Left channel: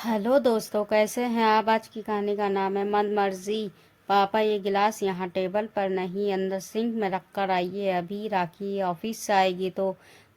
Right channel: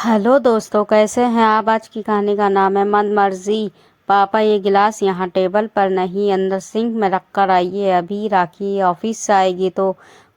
Hello दोस्तों, कैसे हैं आप। आज की कहानी का नाम है मन मर्जी। पापा, ये गिलास यहाँ टेबल पर नहीं, अंदर सिंक में रख कर आइए। अभी राखी ऑफिस से आएगी तो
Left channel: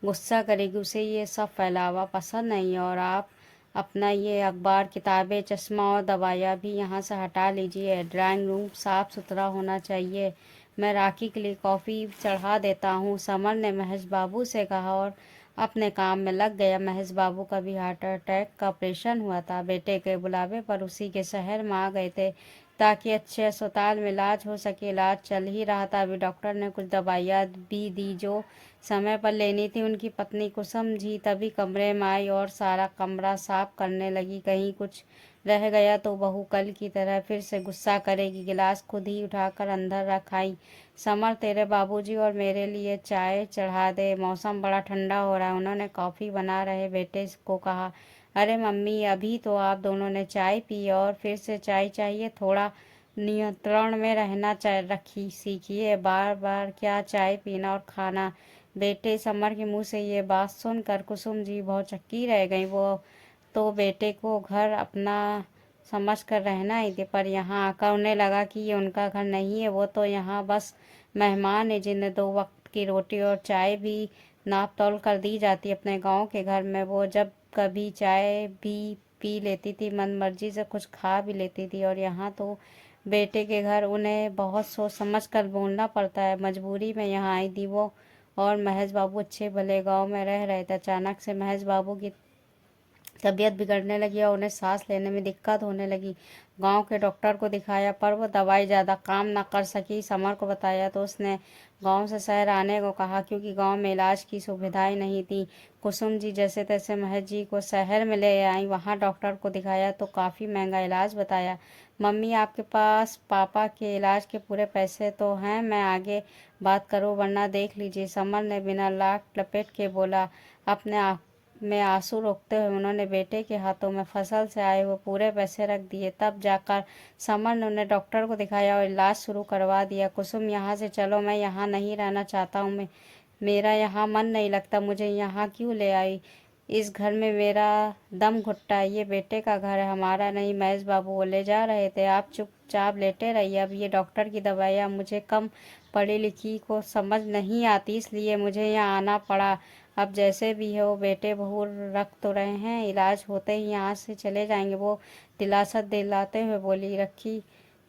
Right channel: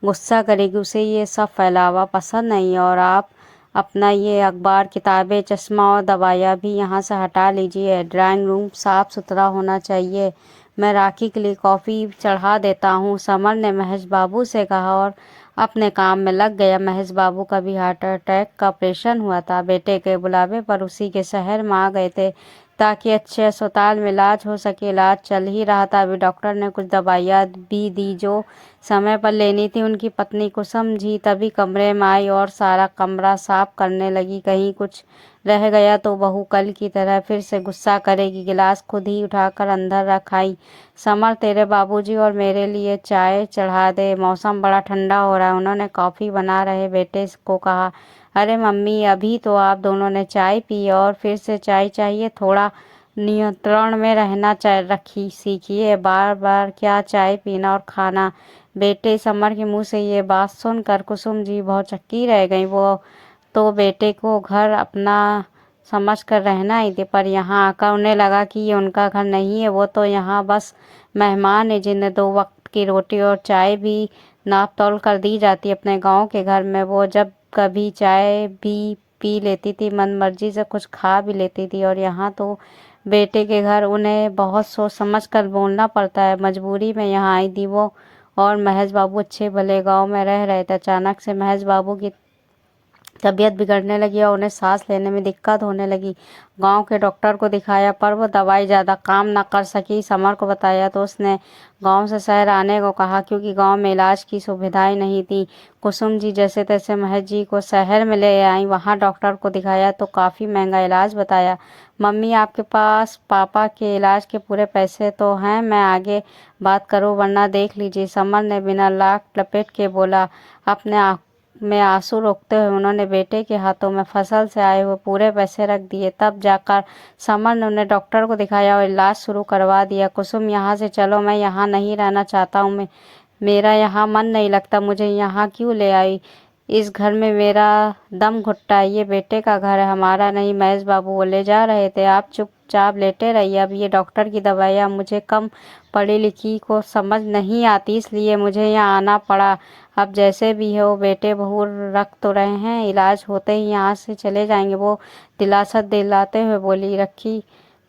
गुस्सा करेगी, उसे ये सब फैलावा पसंद नहीं। और आप अपना ये अखबार, किताबें, चश्मा और दवाइयाँ भी यहाँ से हटा लीजिए। ड्राइंग रूम साफ सुथरा होना चाहिए। मैं राखी के लिए कॉफ़ी चढ़ा देता हूँ, समर ने महेश बाबू से कहा और अपने काम में लग गया। महेश बाबू का भी हार्ट अटैक का ऑपरेशन हुआ था। बेटे के बुलावे पर उसी के शहर में आ गए थे ताकि अच्छे अस्पताल में इलाज हो सके। इलाज चल ही रहा था, अभी डॉक्टर ने कुछ दवाइयाँ भी दी जो समय पर लेनी थी। उनकी पत्नी कुसुम जी तभी कमरे में आई और सारा कमरा साफ करने लगी। कहीं कुछ रह गया तो बहू कल की तरह फिर से गुस्सा करेगी। गिलास खुद ही उठाकर अंदर रख आई। समर, तेरे बाबूजी और मेरे लिए चाय चढ़ा दे, मौसम बड़ा ठंडा हो रहा है। उन्होंने कॉफ़ी बना रहे बेटे को कहा, अरे मम्मी, अभी तो आप दोनों ने चाय पी और फिर से चाय चाहिए। थोड़ा नियंत्रण में रहना रखी सीखिए, बार बार क्या चाय पीना और खाना। बेटे, समर के मुंह से ये बात सुनकर कुसुम जी बहुत चक्की रह गई। वो तो बेटे को घर अपना समझ कर रहना ही थी, पर यहाँ आकर उन्हें लगा कि ये उनका घर नहीं है। वो तो यहाँ बस मेहमान है जिन्हें 2 वक्त की रोटी और चाय भी नाप तौल कर दी जाती है। अपने गांव के घर में वो जब कभी चाय भी पी लेती थी, मन मर्जी से कुछ खा भी लेती थी। और यहाँ तो बेटे के घर उन्हें बहुत सोच समझ कर बोलना पड़ता है। मजबूरी में यहाँ आई थी वो। और महेश बाबू अच्छे भले गांव में रह रहे थे। अचानक से महेश बाबू की तबीयत बिगड़ने लगी और उन्हें सांस लेने में दिक्कत होने लगी। गांव के डॉक्टर को दिखाया पर वो दवाई ज़्यादा काम न कर सकी। समर को बताया तो उसने गांव से शहर आने को कहा क्योंकि गांव में इलाज की सुविधाएं नहीं थी। कुसुम जी जैसे तैसे महेश जी को शहर में ले आई। वहां डॉक्टर को दिखाया तो काफ़ी महंगा इलाज बताया। मम्मी, आपके पास पापा के इलाज के पूरे पैसे तो हैं, मैं आगे बात करूं वरना देख लीजिए, समर ने बिना लाख लपेट के बोला। अपने में आंसू रोकते हुए उन्होंने बेटे के हाथों में फसल से आए हुए पूरे पैसे रख दिए। तब जाकर समर ने उन्हें डॉक्टर को दिखाया और इलाज शुरू करवा दिया। कुसुम, यहाँ से चलो, मैं यहाँ नहीं रहना चाहता हूँ। मेरा यहाँ मन नहीं लगता, मुझे यहाँ क्यों ले आई। इस घर में मेरा दम घुटता है। ये बेटे का घर है, हमारा नहीं। महेश बाबू वो ले जा रहे थे। आप चुपचाप लेटे रहिए। अब ये डॉक्टर की दवाइयाँ मुझे कम पढ़ी लिखी को समझ नहीं आती, इसलिए मुझे यहाँ आना पड़ा। अब जैसे भी हो, बेटे बहू रख तो रहे हैं, इलाज होते ही यहाँ से चले जाएंगे, वो दिलासा दिलाते हुए बोली।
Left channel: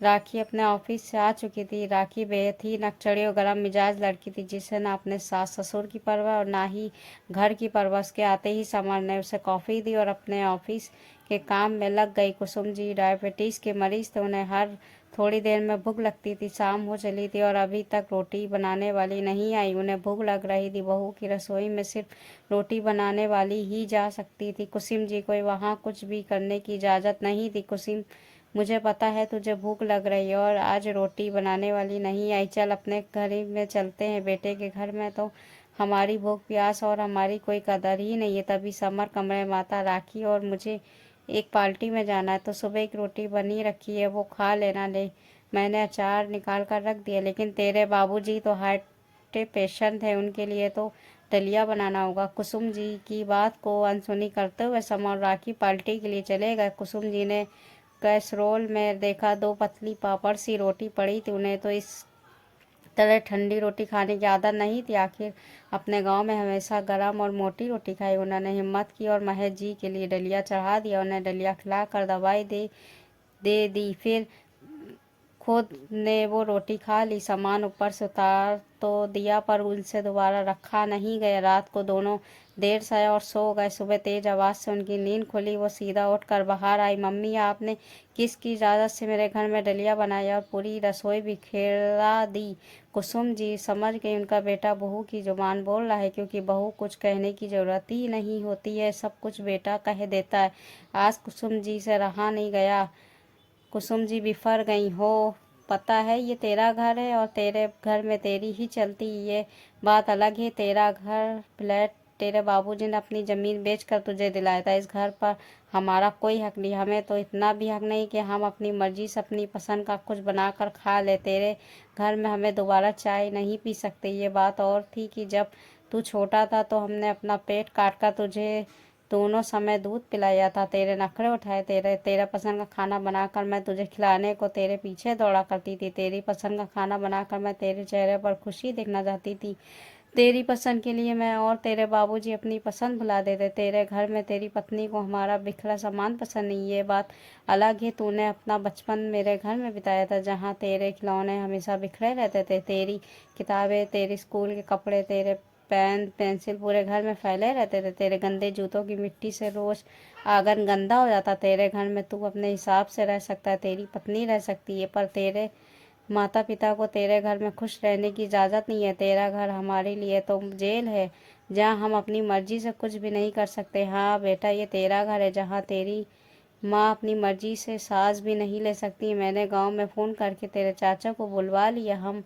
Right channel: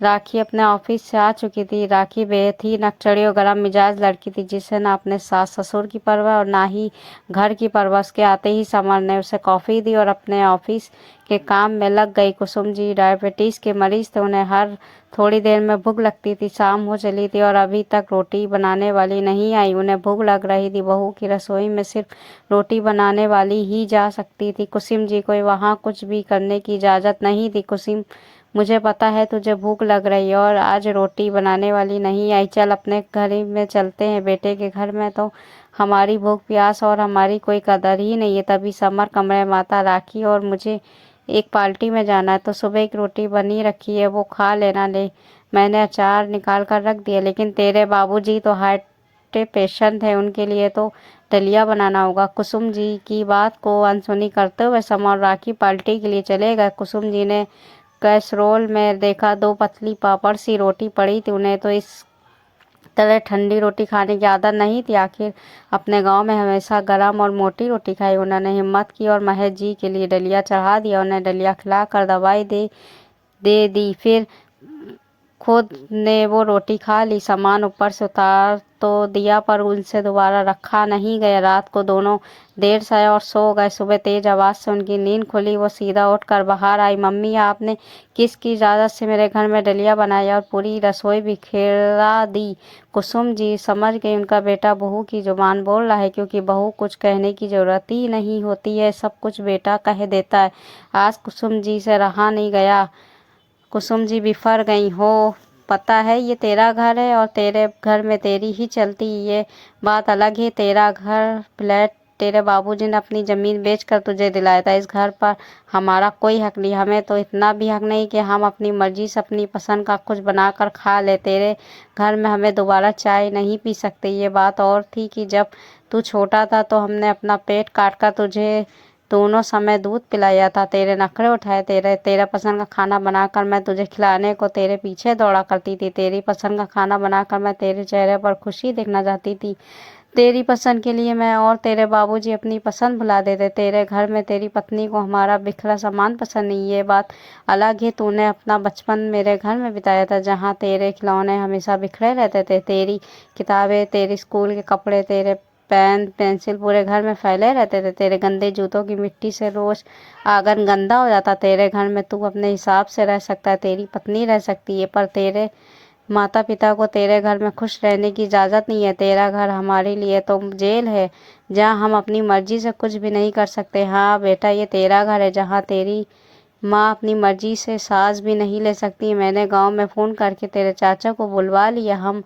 राखी अपने ऑफिस से आ चुकी थी। राखी बेहद ही नकचड़ी और गरम मिजाज लड़की थी जिसे ना अपने सास ससुर की परवाह और ना ही घर की परवाह। उसके आते ही समर ने उसे कॉफ़ी दी और अपने ऑफिस के काम में लग गई। कुसुम जी डायबिटीज़ के मरीज थे, उन्हें हर थोड़ी देर में भूख लगती थी। शाम हो चली थी और अभी तक रोटी बनाने वाली नहीं आई। उन्हें भूख लग रही थी। बहू की रसोई में सिर्फ रोटी बनाने वाली ही जा सकती थी। कुसुम जी को वहाँ कुछ भी करने की इजाज़त नहीं थी। कुसुम, मुझे पता है तुझे भूख लग रही है और आज रोटी बनाने वाली नहीं आई। चल अपने घर ही में चलते हैं, बेटे के घर में तो हमारी भूख प्यास और हमारी कोई कदर ही नहीं है। तभी समर कमरे में आता, राखी और मुझे एक पार्टी में जाना है तो सुबह की रोटी बनी रखी है, वो खा लेना। ले, मैंने अचार निकाल कर रख दिया, लेकिन तेरे बाबूजी तो हार्ट पेशेंट है, उनके लिए तो दलिया बनाना होगा। कुसुम जी की बात को अनसुनी करते हुए समर और राखी पार्टी के लिए चले गए। कुसुम जी ने कैसरोल में देखा 2 पतली पापड़ सी रोटी पड़ी थी। उन्हें तो इस तरह ठंडी रोटी खाने की आदत नहीं थी, आखिर अपने गांव में हमेशा गरम और मोटी रोटी खाई। उन्होंने हिम्मत की और महेश जी के लिए दलिया चढ़ा दिया। उन्हें दलिया खिलाकर दवाई दे दी, फिर खुद ने वो रोटी खा ली। सामान ऊपर से उतार तो दिया पर उनसे दोबारा रखा नहीं गया। रात को दोनों देर से आए और सो गए। सुबह तेज आवाज़ से उनकी नींद खुली। वो सीधा उठकर बाहर आई। मम्मी, आपने किसकी इजाज़त से मेरे घर में दलिया बनाया और पूरी रसोई बिखेरा दी। कुसुम जी समझ गई उनका बेटा बहू की जुबान बोल रहा है, क्योंकि बहू कुछ कहने की ज़रूरत ही नहीं होती है, सब कुछ बेटा कह देता है। आज कुसुम जी से रहा नहीं गया। कुसुम जी बिफर गई। हो, पता है ये तेरा घर है और तेरे घर में तेरी ही चलती, ये बात अलग है। तेरा घर फ्लैट तेरे बाबूजी ने अपनी ज़मीन बेचकर तुझे दिलाया था। इस घर पर हमारा कोई हक नहीं। हमें तो इतना भी हक नहीं कि हम अपनी मर्जी से अपनी पसंद का कुछ बनाकर खा ले। तेरे घर में हमें दोबारा चाय नहीं पी सकते। ये बात और थी कि जब तू छोटा था तो हमने अपना पेट काट कर तुझे दोनों समय दूध पिलाया था, तेरे नखरे उठाए, तेरा पसंद का खाना बनाकर मैं तुझे खिलाने को तेरे पीछे दौड़ा करती थी। तेरी पसंद का खाना बनाकर मैं तेरे चेहरे पर खुशी देखना चाहती थी। तेरी पसंद के लिए मैं और तेरे बाबूजी अपनी पसंद भुला देते। तेरे घर में तेरी पत्नी को हमारा बिखरा सामान पसंद नहीं। ये बात अलग है, तूने अपना बचपन मेरे घर में बिताया था, जहाँ तेरे खिलौने हमेशा बिखरे रहते थे। तेरी किताबें, तेरे स्कूल के कपड़े, तेरे पेन पेंसिल पूरे घर में फैले रहते थे। तेरे गंदे जूतों की मिट्टी से रोज आंगन गंदा हो जाता। तेरे घर में तू अपने हिसाब से रह सकता है, तेरी पत्नी रह सकती है, पर तेरे माता पिता को तेरे घर में खुश रहने की इजाज़त नहीं है। तेरा घर हमारे लिए तो जेल है, जहाँ हम अपनी मर्जी से कुछ भी नहीं कर सकते। हाँ बेटा, ये तेरा घर है, जहाँ तेरी माँ अपनी मर्जी से सांस भी नहीं ले सकती। मैंने गांव में फ़ोन करके तेरे चाचा को बुलवा लिया, हम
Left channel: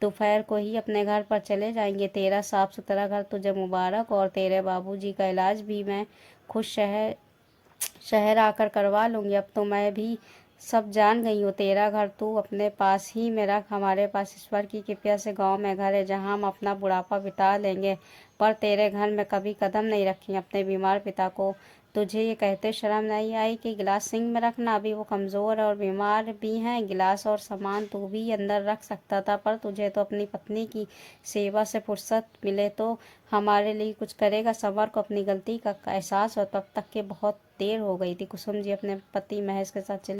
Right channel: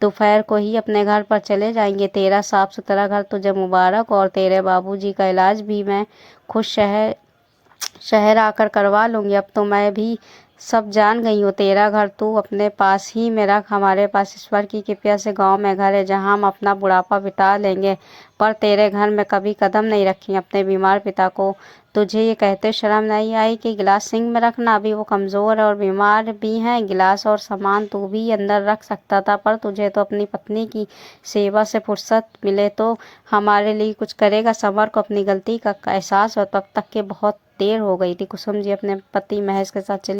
दोपहर को ही अपने घर पर चले जाएंगे। तेरा साफ सुथरा घर तुझे मुबारक, और तेरे बाबूजी का इलाज भी मैं खुद शहर आकर करवा लूँगी। अब तो मैं भी सब जान गई हूँ। तेरा घर तू अपने पास ही में रख, हमारे पास ईश्वर की कृपा से गांव में घर है, जहाँ हम अपना बुढ़ापा बिता लेंगे, पर तेरे घर में कभी कदम नहीं रखेंगे। अपने बीमार पिता को तुझे ये कहते शर्म नहीं आई कि गिलास सिंक में रखना? अभी वो कमज़ोर और बीमार भी हैं। गिलास और सामान तू भी अंदर रख सकता था, पर तुझे तो अपनी पत्नी की सेवा से फुर्सत मिले तो हमारे लिए कुछ करेगा। समर को अपनी गलती का एहसास हो, तब तक के बहुत देर हो गई थी। कुसुम जी अपने पति महेश के साथ चली